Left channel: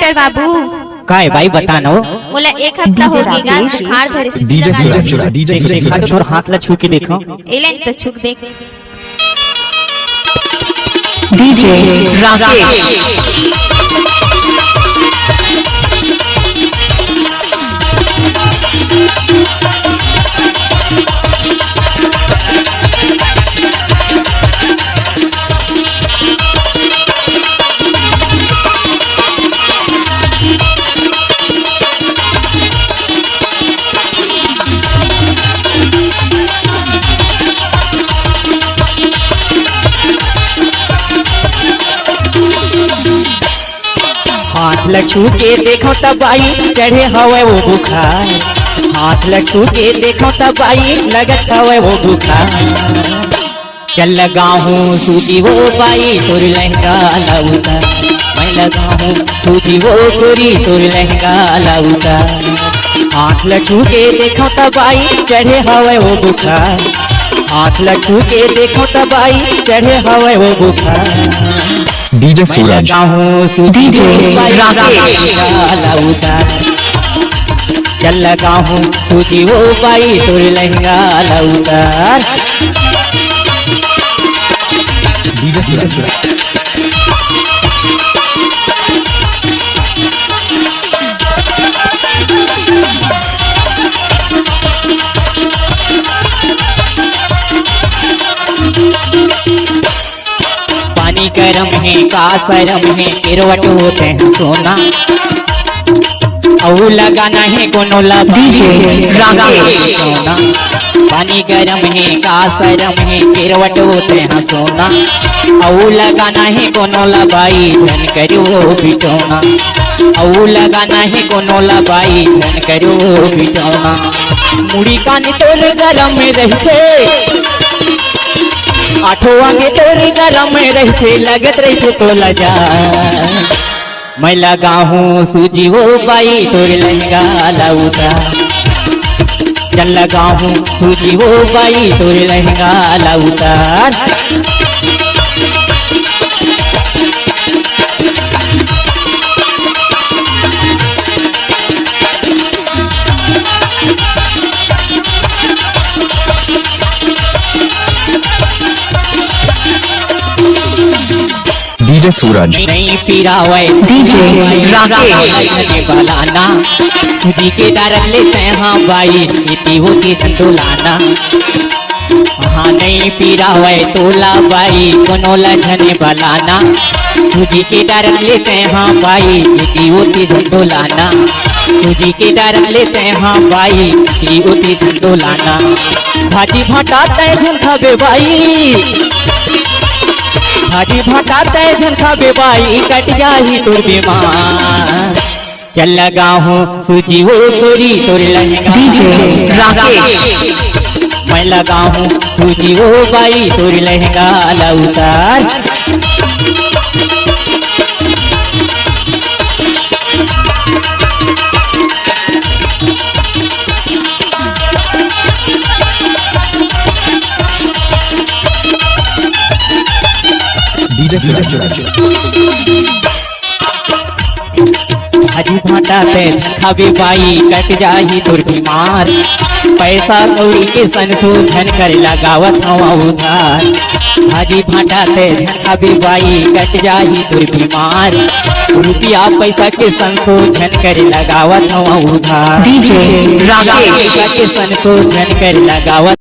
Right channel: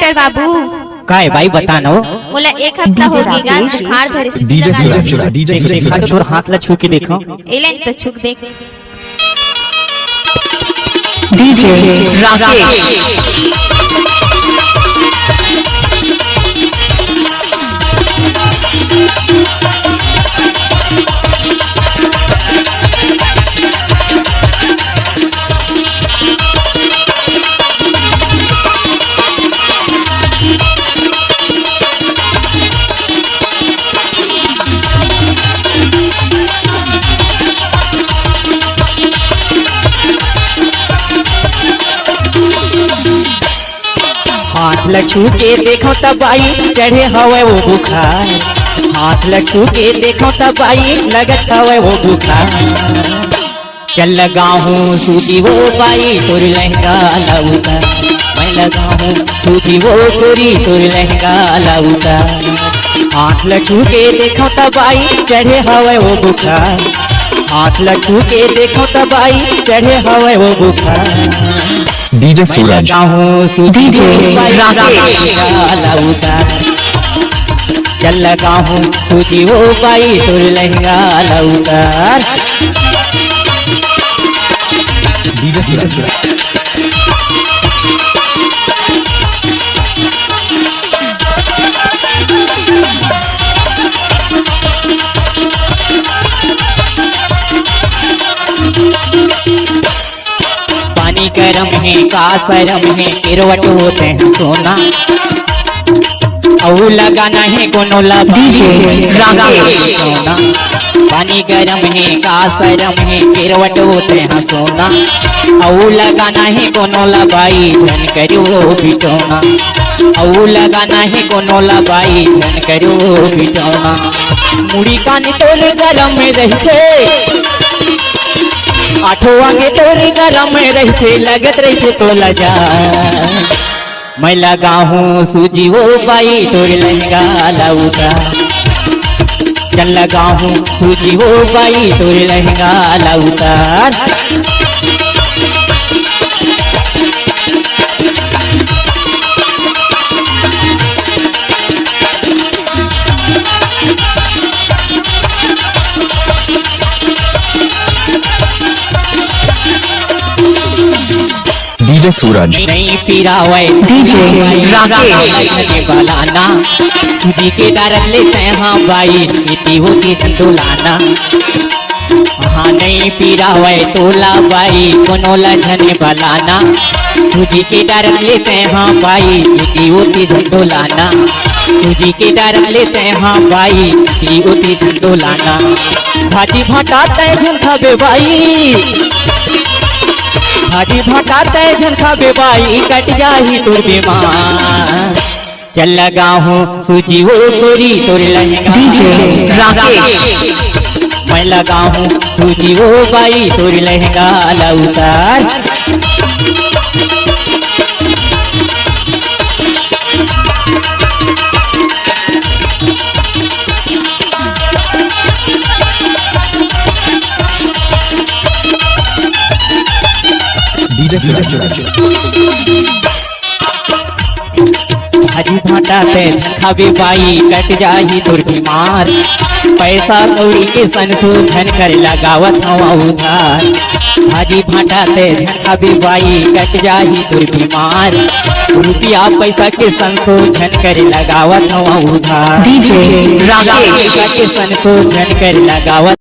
Doctor बाबू का है भाई बतानो। बोला एक हफ्ता हो गया बुखार धरे से लगा हाथ में छू के देखो। एक तो छुक देख हाथ लछू के देखो तब आई चढ़े हवे वो बुखार। हाथ लछू के देखो तब आई लगत हवे वो बुखार। चल लगा हूँ सूती वो पाई तोर लहंगा लाउता। मैं लगा हूँ सूती वो गोरी तोर लहंगा लाउता। हाथ लछू के देखो तब आई चढ़े हवे वो बुखार। हाथ लछू के देखो तब आई चढ़े हवे वो बुखार। डीजे सूरज डीजे चल लगा हूँ सूती वो पाई तोर लहंगा लाउतार। डीजे सूरज पानी गरम है तेरे सर में गिरवट होते लगाना है कोनो लगाई धन करो बिटोना। औ लगाना है कोनो लगाई धन करो बिटोना। मुड़ी का नितोर गलम में रहते आठवां की तोरी गलम में रहते लगत रे तो लजा। मैं लगा हूँ सूजी वो पाई तोर लहंगा लाउता। चल लगा हूँ सूजी वो पाई तोर लहंगा लाउता। डीजे सूरज नहीं पिरावे डीजे राकेश बलाना। तुझी के डर लेते हाँ बाई इति होती संतुलाना। हाँ नहीं पिरावे तोला बाई कोनो लझने बलाना। तुझी के डर लेते हाँ बाई इति होती संतुलाना। तुझी के डर लेते हाँ बाई इति होती संतुलाना। भाजी भाटा तय झंखा बाई भाजी भाटा तय झंखा बेबाई कट जाही तोर बीमार। चल लगा हूँ सूजी वो गोरी तोर लहंगा डीजे राकेश। मैं लगा हूँ सूजी वो बाई तोर लहंगा लाउतार। भाजी भाटा पे झंखावे बाई कट जाही तोर बीमार। पैसा कौड़ी के सन को झन कर लगावत हवा उधार। भाजी भाटा पे झंखावे बाई कट जाही तोर बीमार। रुपया पैसा के सन को झन कर लगावत हवा उधार। डीजे राकेश के सन को झन कर लगावत